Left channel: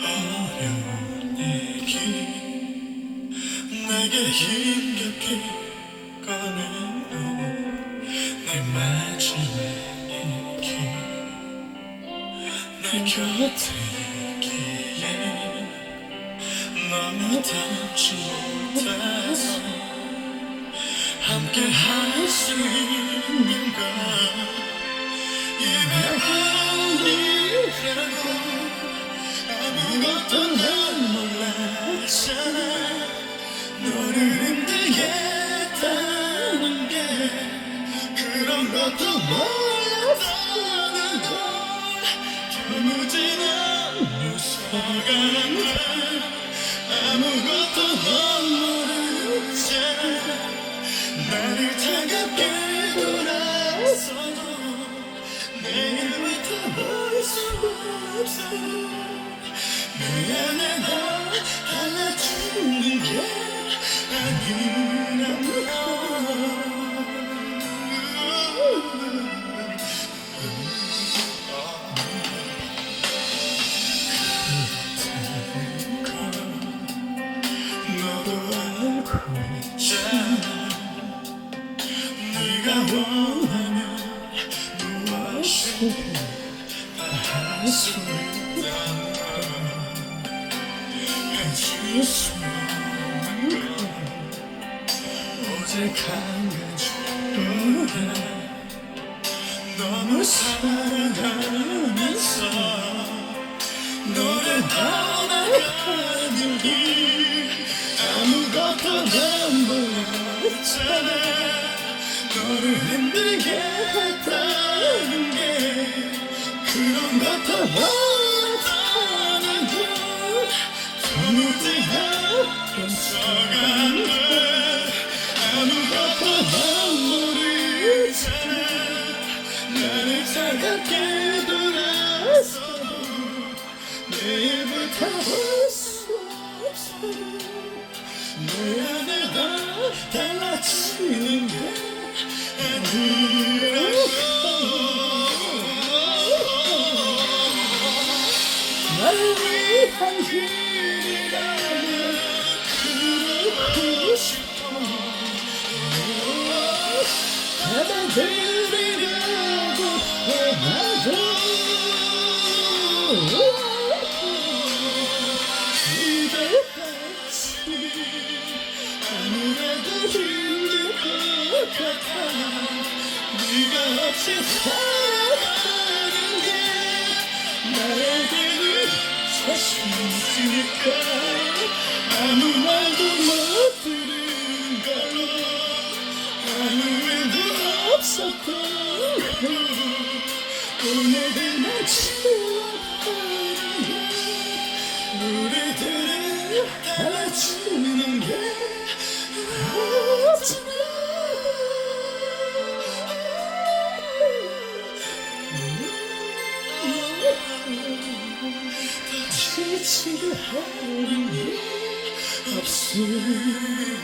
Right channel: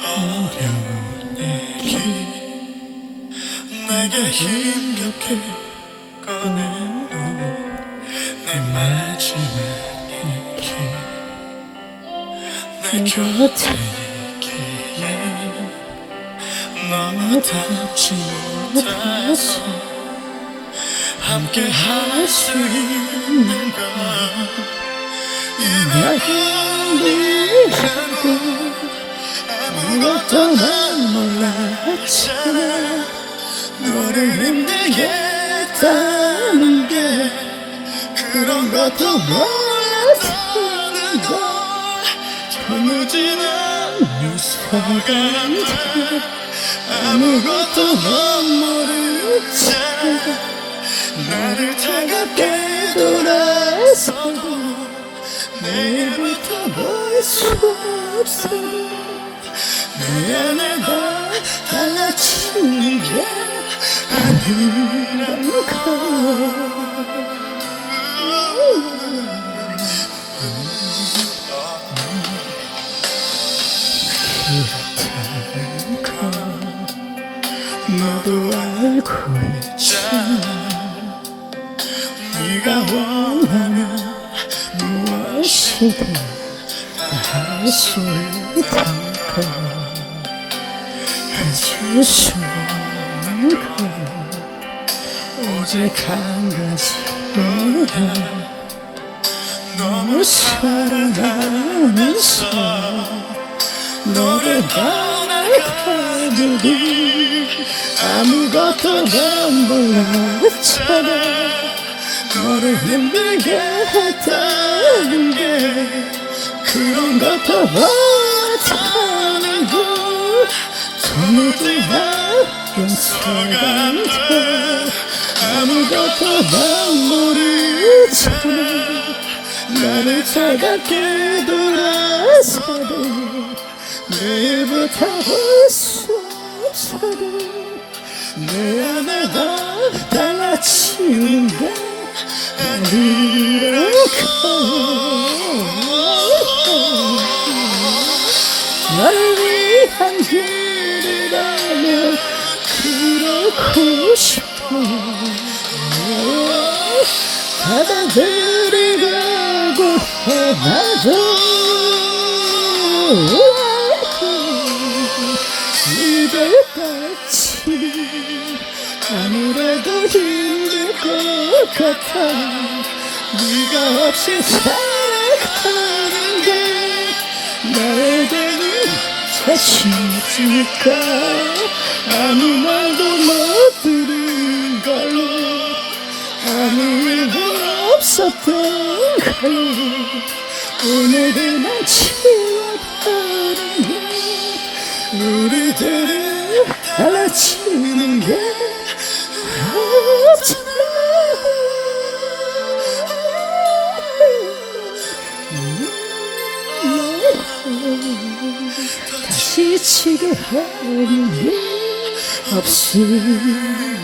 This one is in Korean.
어려운 얘기 내게 힘겹게 꺼내놓은 내 마지막 얘기 내 곁에 있기에 닿지 못해서 함께 할 수 있는 건 이내 아니라고 아무것도 난 몰랐잖아 너를 힘들게 했다는 게 그런 것도 몰랐다는 걸 도무지는 무서간다 아무것도 넌 모르잖아 나를 차갑게 돌아서도 내일부터 볼수 없어 내 안에가 달라지는 게 아니란 걸 너도 알고 있잖아 네가 원하면 무엇이든 할수 있다는 걸 해줄 수 없는 걸 오직 한 가지뿐이야 너무 사랑하면서 너를 떠나가는 길 아무것도 난 몰랐잖아 너를 힘들게 했다는 게 그런 것도 못하는 걸 도무지나 용서간다 아무것도 난 모르잖아. 나를 차갑게 돌아서도 내일부터 볼수 없어도 내 안에가 달라지는 게 아니랄까 날 위한 길이라면 그러고 싶어 받아들이고 해봐도 이별같이 아무래도 힘들 것 같아 네가 없이 살아가는 게 나에게는 자신 있으니까 아무 말도 못 들은 걸로 아무 일도 없었던 걸로 오늘은 지워버린 게 우리 들 없잖아 다시 치게 하는 게 없음